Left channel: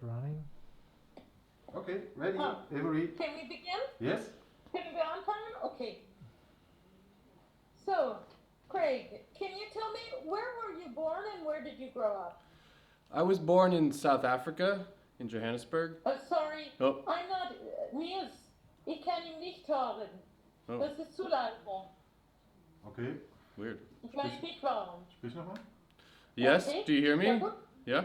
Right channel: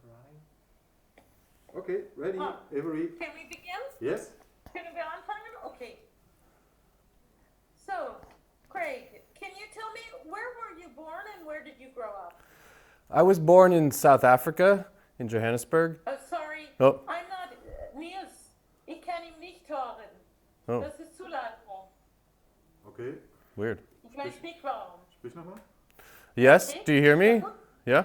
and running. Okay, ready, every. Can we begin? Yes? Can we anfangen? Okay. So, Craig, can you tell me where were you born and where did you grow up? I was born in South Africa, in Johannesburg. Sorry, Oh. I'm not. Niels, ich kann ihn nicht hören. Oh. Das ist zu laut. Okay. Weird. Gleich Mikrofon. Sprich nochmal. Yes, Okay. do you hear me? Sehr gut. Yeah?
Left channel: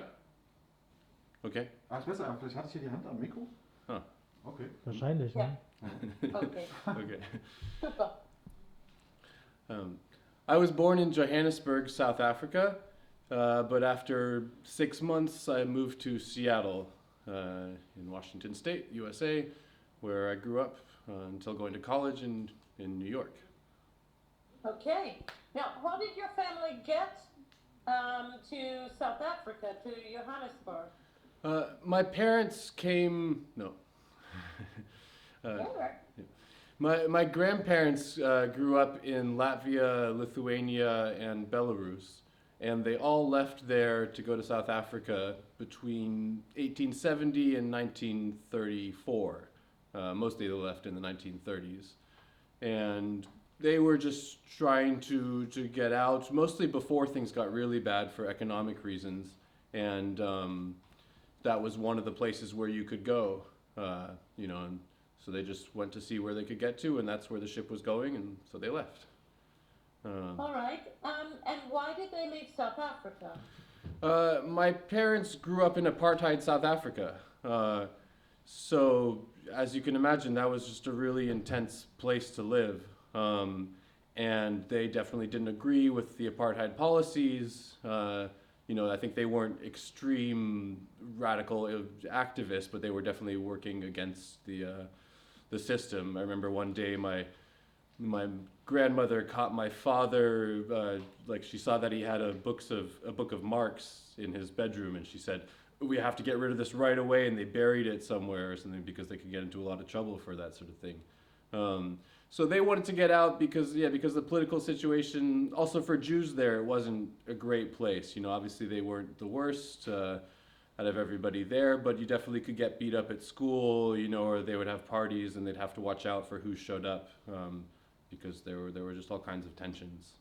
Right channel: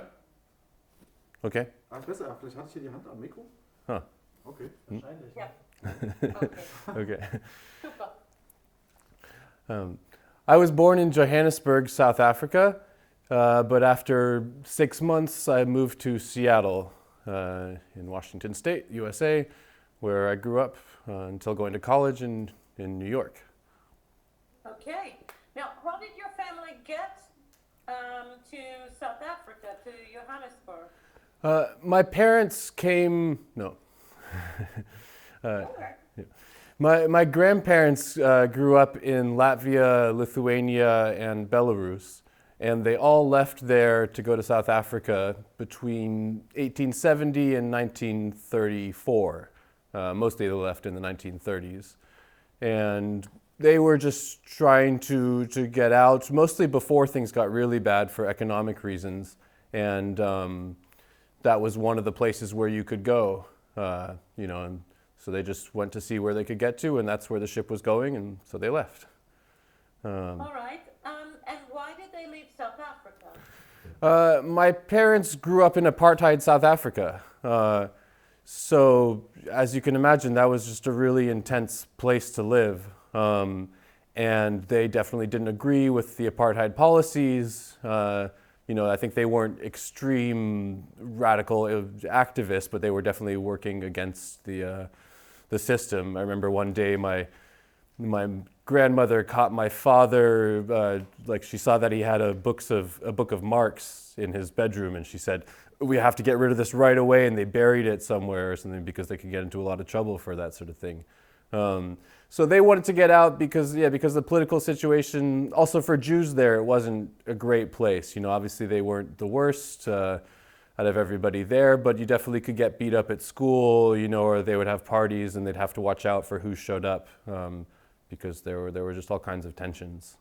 Okay. Ah, ist besser, vielleicht hatte ich hier die Hand am Mikro. Huh. Okay. Wahrscheinlich, Ja. ne? Okay, Okay. super. I was born in Johannesburg, South Africa, but after 6 months I moved to Seattle in Washington State, USA, where I grew up until going to college in New York. Okay. Now, how did your family get to South Africa, to Johannesburg? My parents came, no. Sure. My grandparents grew up in Latvia, Lithuania, and Belarus, and they all left there to go to South Africa between 1870 and 1934. Mostly they left in the 1930s. And they were just trying to get out, mostly before things got really bad for economic reasons. And that was one of the places where you could go, and so they just went to see where they could get to, and that's where the ship was going, and so they left. All right. And why did they leave South Africa? My parents grew up in apartheid South Africa. So as you can imagine, that was just a really intense place to live. And they definitely didn't agree with the apartheid policies. I think they weren't extreme radical activists, but they were definitely working against the system. I remember one day my grandmother caught my father, she saw that he had a book of Marx in his bedroom, and she said, "We have to get rid of this right away," and they buried it somewhere or something because they could get into a lot of trouble for that sort of thing. So they wanted to get out because of the political situation. Also for Jews there, it wasn't a great place. Obviously they weren't the worst out of everybody there, but you definitely could get beat up at school, or they would have parties and they'd have to watch out for who showed up because there were just all kinds of tensions.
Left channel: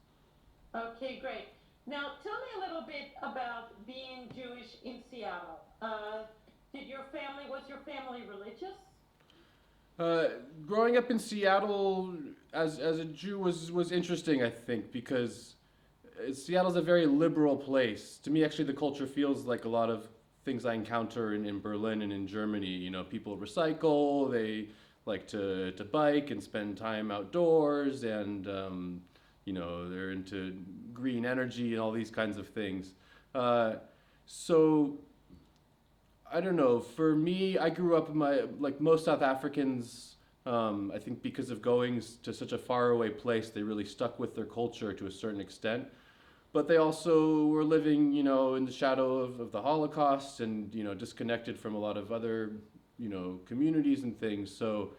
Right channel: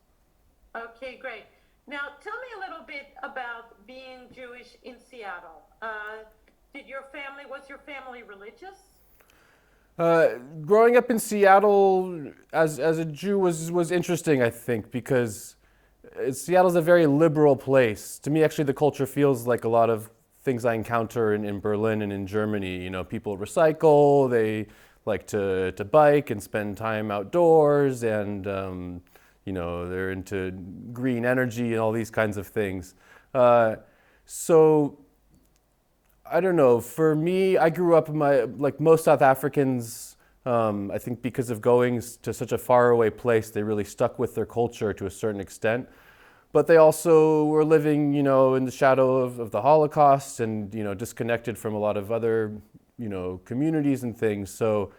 Okay, great. Now, tell me a little bit about being Jewish in Seattle. Was your family religious? Growing up in Seattle as a Jew was interesting, I think, because Seattle's a very liberal place. To me, actually, the culture feels like a lot of things I encounter in Berlin and in Germany. People recycle, they like to bike and spend time outdoors, and they're into green energy and all these kinds of things. So I don't know. For me, I grew up like most South Africans. I think because of going to such a faraway place, they really stuck with their culture to a certain extent. But they also were living, in the shadow of the Holocaust and, disconnected from a lot of other, communities and things. So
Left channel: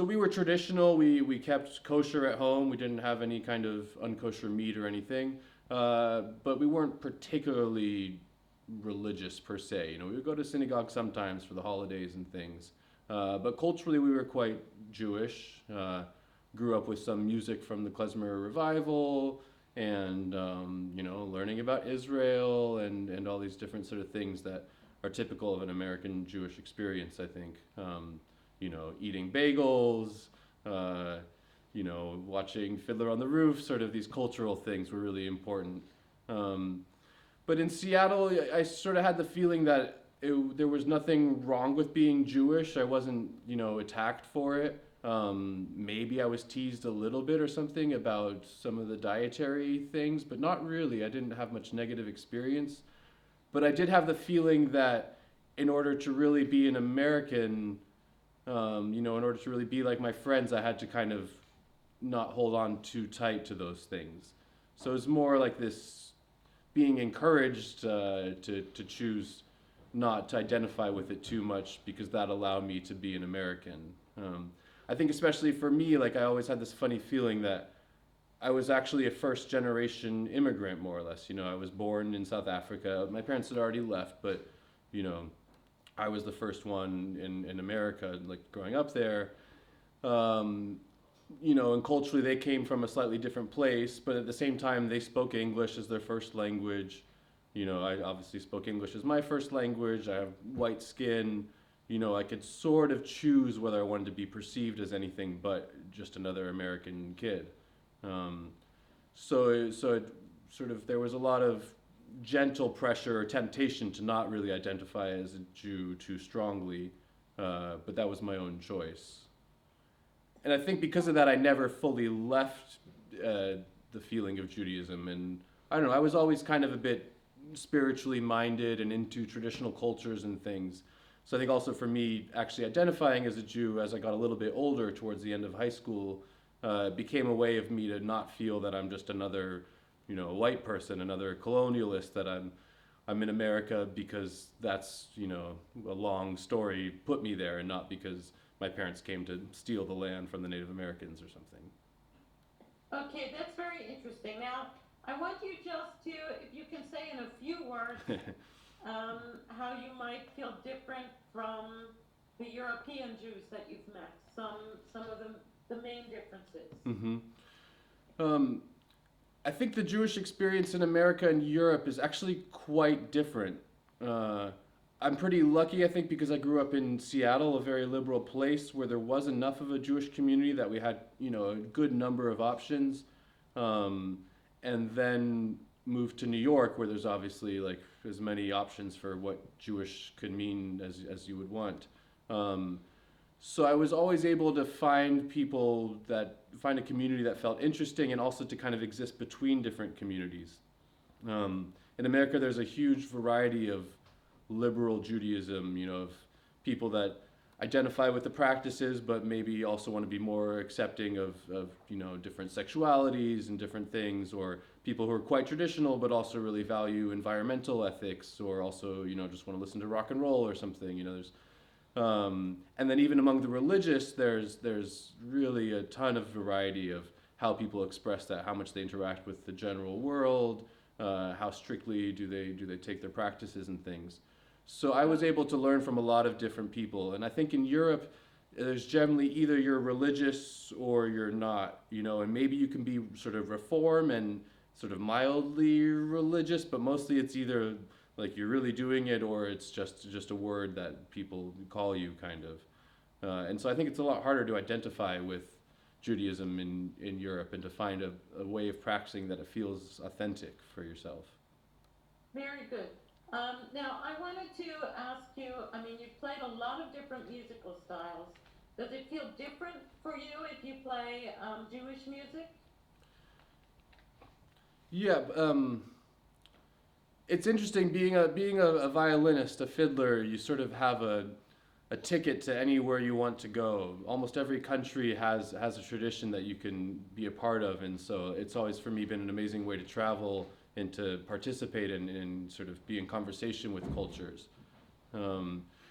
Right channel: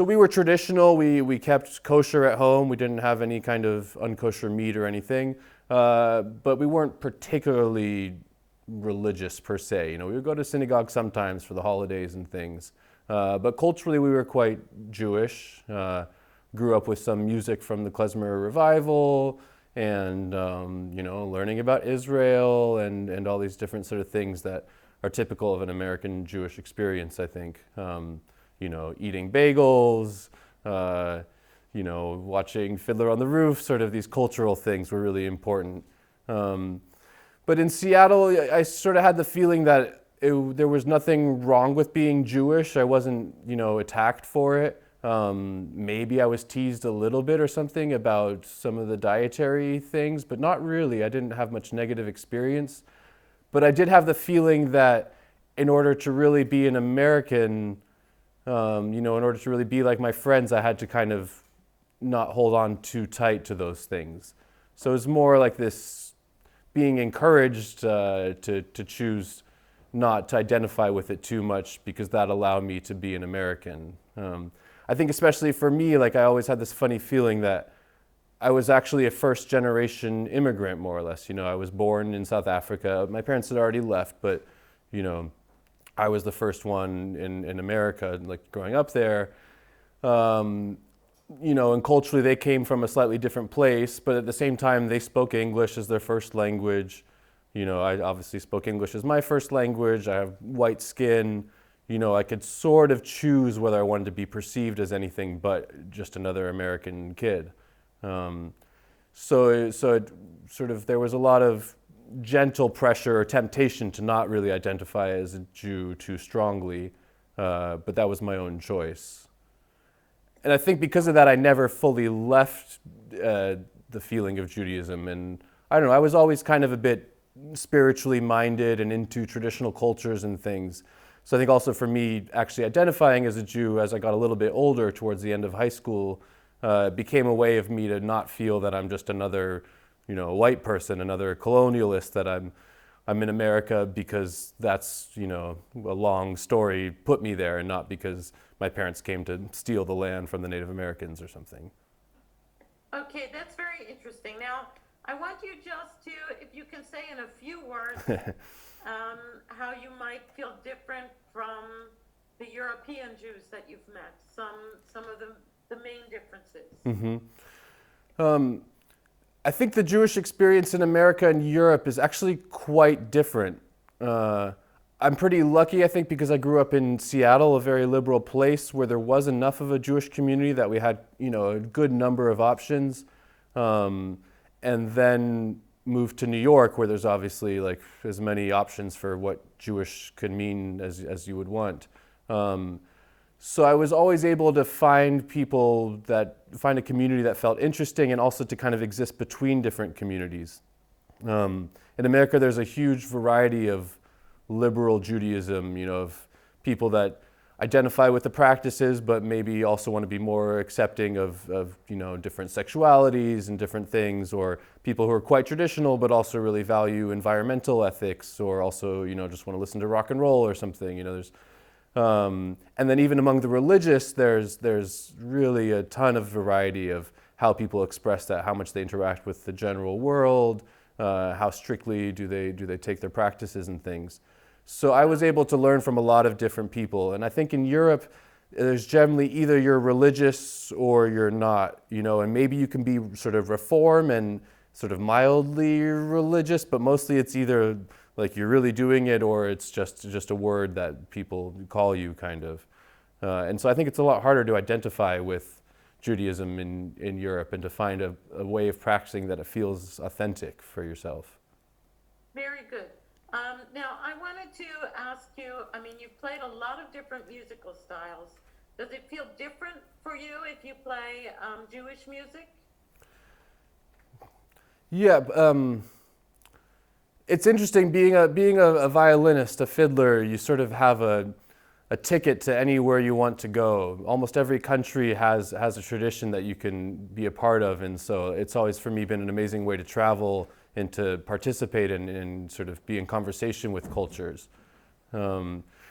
we were traditional. We kept kosher at home. We didn't have any kind of unkosher meat or anything. But we weren't particularly religious per se. We would go to synagogue sometimes for the holidays and things. But culturally, we were quite Jewish. Grew up with some music from the Klezmer revival, and learning about Israel and all these different sort of things that are typical of an American Jewish experience, I think. Eating bagels, watching Fiddler on the Roof, sort of these cultural things were really important. But in Seattle, I sort of had the feeling that there was nothing wrong with being Jewish. I wasn't, attacked for it. Maybe I was teased a little bit or something about some of the dietary things, but not really. I didn't have much negative experience. But I did have the feeling that in order to really be an American, in order to really be like my friends, I had to kind of not hold on too tight to those things. So it was more like this being encouraged to choose not to identify with it too much because that allowed me to be an American. I think especially for me, I always had this funny feeling that I was actually a first generation immigrant, more or less. I was born in South Africa. My parents had already left, but, I was the first one in America, like growing up there. And culturally they came from a slightly different place, but at the same time they spoke English as their first language. I obviously spoke English as my first language. I have white skin. I could sort of choose whether I wanted to be perceived as anything but just another American kid. So it sort of, there was a lot of gentle pressure or temptation to not really identify as a Jew too strongly, but that was my own choice. And I think because of that, I never fully left the feeling of Judaism. And I don't know, I was always kind of a bit spiritually minded and into traditional cultures and things. So I think also for me, actually identifying as a Jew as I got a little bit older towards the end of high school became a way of me to not feel that I'm just another, white person, another colonialist, that I'm in America because that's, a long story put me there, and not because my parents came to steal the land from the Native Americans or something. Okay, that's very interesting. Now, I want you just to, if you can say in a few words, how you might feel different from the European Jews that you've met, some of the main differences. Mm-hmm. I think the Jewish experience in America and Europe is actually quite different. I'm pretty lucky, I think, because I grew up in Seattle, a very liberal place where there was enough of a Jewish community that we had, a good number of options. And then moved to New York, where there's obviously like as many options for what Jewish could mean as you would want. So I was always able to find a community that felt interesting, and also to kind of exist between different communities. In America, there's a huge variety of liberal Judaism, of people that identify with the practices, but maybe also want to be more accepting of different sexualities and different things, or people who are quite traditional but also really value environmental ethics, or also just want to listen to rock and roll or something. There's and then even among the religious, there's really a ton of variety of how people express that, how much they interact with the general world, how strictly do they take their practices and things. So I was able to learn from a lot of different people. And I think in Europe, there's generally either you're religious or you're not, and maybe you can be sort of reform and sort of mildly religious, but mostly it's either like you're really doing it, or it's just a word that people call you, kind of. And so I think it's a lot harder to identify with Judaism in Europe, and to find a way of practicing that it feels authentic for yourself. Very good. Now, I wanted to ask you, you've played a lot of different musical styles. Does it feel different for you if you play Jewish music? Yeah, it's interesting being a violinist, a fiddler. You sort of have a ticket to anywhere you want to go. Almost every country has a tradition that you can be a part of, and so it's always for me been an amazing way to travel and to participate and sort of be in conversation with cultures.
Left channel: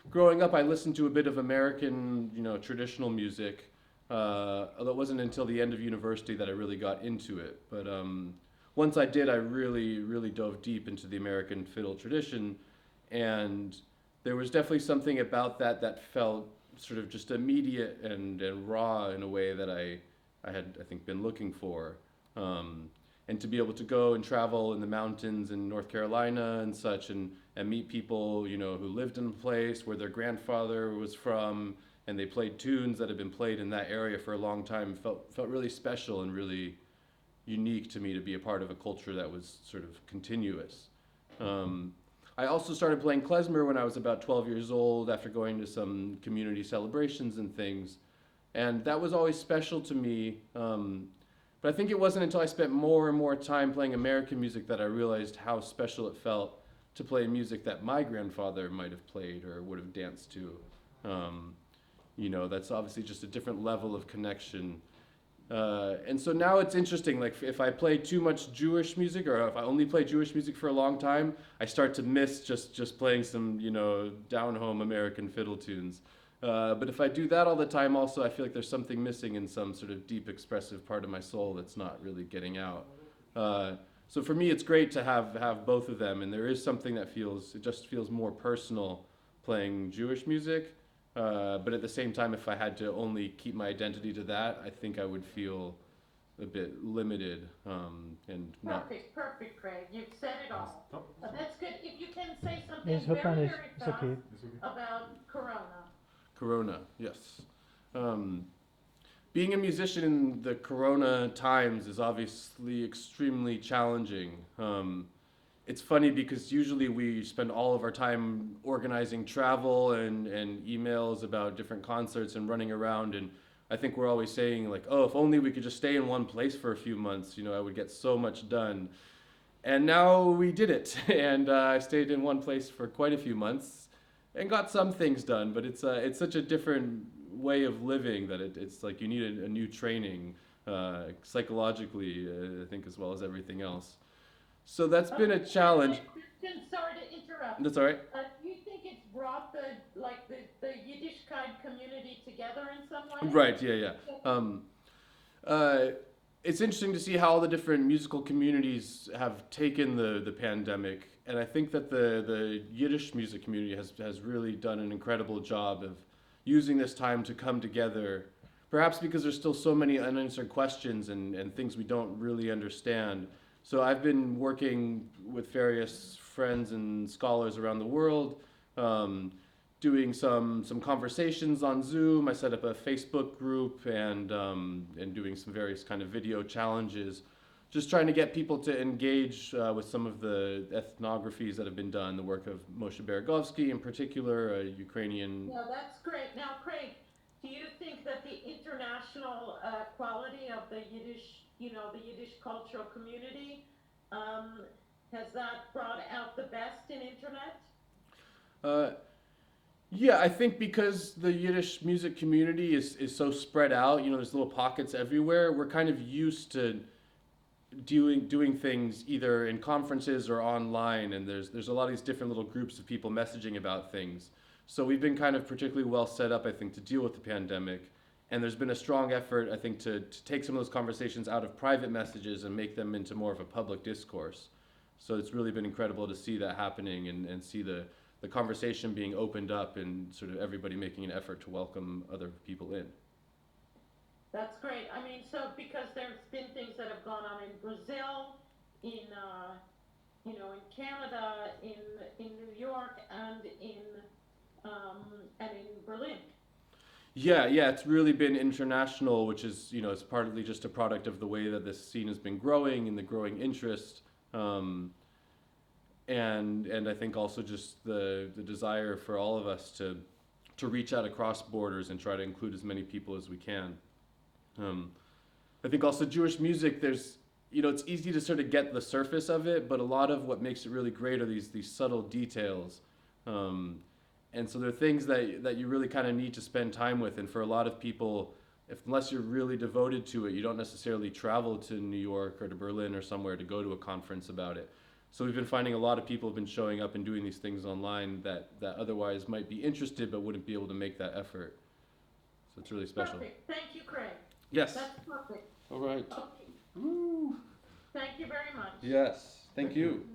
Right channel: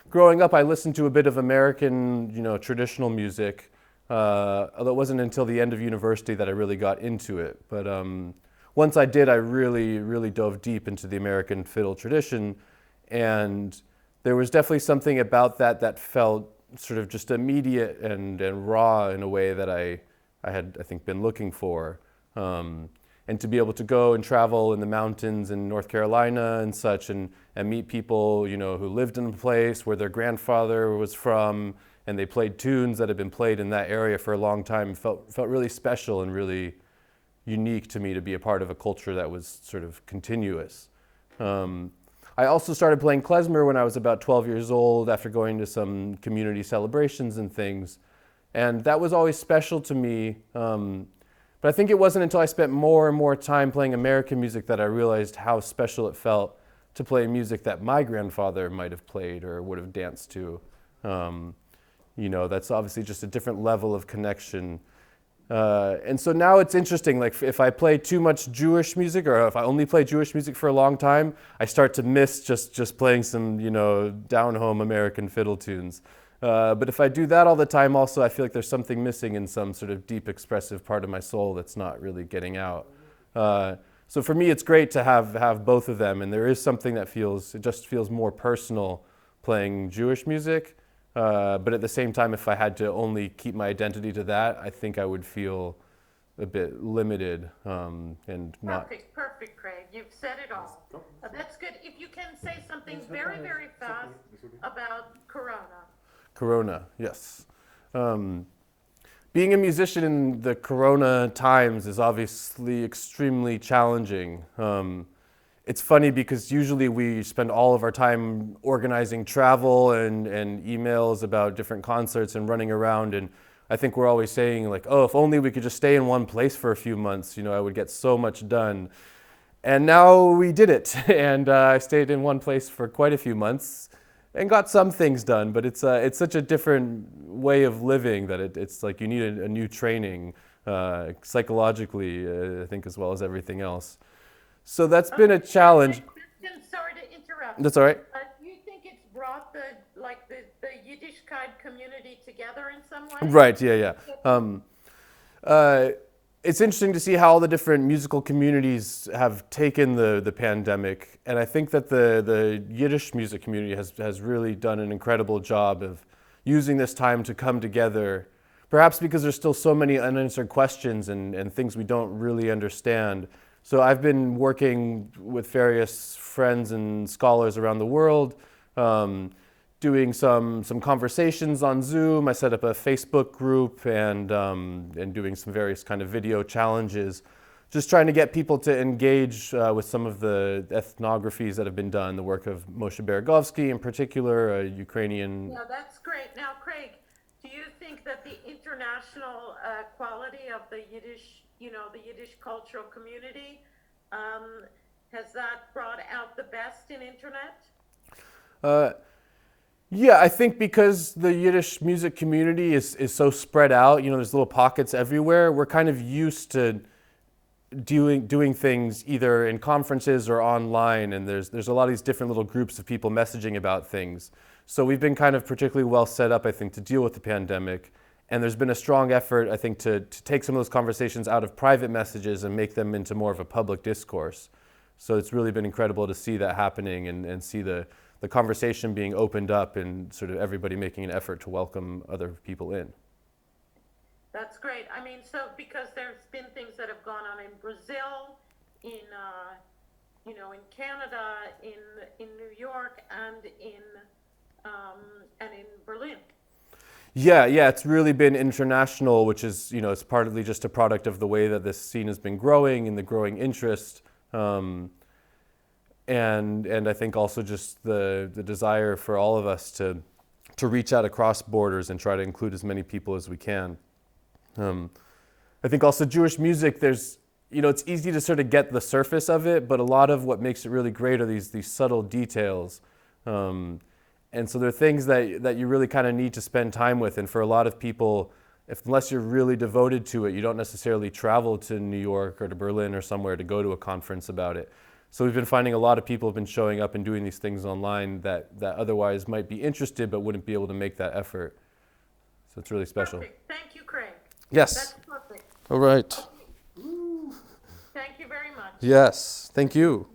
Growing up, I listened to a bit of American, traditional music. Although it wasn't until the end of university that I really got into it. But once I did, I really, really dove deep into the American fiddle tradition, and there was definitely something about that felt sort of just immediate and raw in a way that I had, I think, been looking for. And to be able to go and travel in the mountains in North Carolina and such, and meet people, who lived in a place where their grandfather was from, and they played tunes that had been played in that area for a long time, felt really special and really unique to me, to be a part of a culture that was sort of continuous. I also started playing klezmer when I was about 12 years old, after going to some community celebrations and things, and that was always special to me. But I think it wasn't until I spent more and more time playing American music that I realized how special it felt to play music that my grandfather might have played or would have danced to. That's obviously just a different level of connection. And so now it's interesting, like if I play too much Jewish music, or if I only play Jewish music for a long time, I start to miss just playing some, down-home American fiddle tunes. But if I do that all the time also, I feel like there's something missing in some sort of deep expressive part of my soul that's not really getting out. So for me, it's great to have both of them, and there is something that feels more personal playing Jewish music. But at the same time, if I had to only keep my identity to that, I think I would feel a bit limited and not. Perfect, Craig. You've said it all. Stop. That's good. If you can say something Yes, hört man very, nicht. very Ist fast okay. about Corona. Corona, yes. Being a musician in the Corona times is obviously extremely challenging. It's funny because usually we spend all of our time organizing travel and emails about different concerts and running around, and I think we're always saying like, oh, if only we could just stay in one place for a few months, I would get so much done. And now we did it, and I stayed in one place for quite a few months and got some things done, but it's such a different way of living that it's like you need a new training psychologically, I think, as well as everything else. So that's been a challenge. I'm sorry to interrupt. That's all right. Do you think it's brought the Yiddishkeit community together in some way? Right, yeah. It's interesting to see how all the different musical communities have taken the pandemic, and I think that the Yiddish music community has really done an incredible job of using this time to come together, perhaps because there's still so many unanswered questions and things we don't really understand. So I've been working with various friends and scholars around the world, doing some conversations on Zoom. I set up a Facebook group and doing some various kind of video challenges, just trying to get people to engage with some of the ethnographies that have been done, the work of Moshe Beregovsky in particular, a Ukrainian. Yeah, that's great. Now, Craig, do you think that the international quality of the Yiddish, the Yiddish cultural community, has that brought out the best in internet? Yeah, I think because the Yiddish music community is so spread out, there's little pockets everywhere, we're kind of used to doing things either in conferences or online, and there's a lot of these different little groups of people messaging about things. So we've been kind of particularly well set up, I think, to deal with the pandemic. And there's been a strong effort, I think, to take some of those conversations out of private messages and make them into more of a public discourse. So it's really been incredible to see that happening and see the conversation being opened up and sort of everybody making an effort to welcome other people in. That's great. I mean, so because there's been things that have gone on in Brazil, in Canada, in New York, and in Berlin. Yeah, it's really been international, which is, it's partly just a product of the way that this scene has been growing and the growing interest. And I think also just the desire for all of us to reach out across borders and try to include as many people as we can. I think also Jewish music, there's, it's easy to sort of get the surface of it, but a lot of what makes it really great are these subtle details. And so there are things that you really kind of need to spend time with. And for a lot of people, unless you're really devoted to it, you don't necessarily travel to New York or to Berlin or somewhere to go to a conference about it. So we've been finding a lot of people have been showing up and doing these things online that otherwise might be interested but wouldn't be able to make that effort. So it's really special. Perfect. Thank you, Craig. Yes. That's perfect. All right. Thank you very much. Yes. Thank you.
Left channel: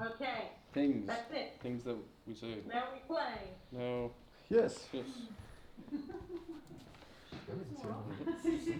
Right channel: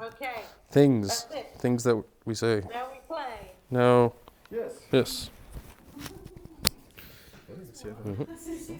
Okay. Things. That's it. Things that we say. Now we play. No. Yes. Yes. What is it?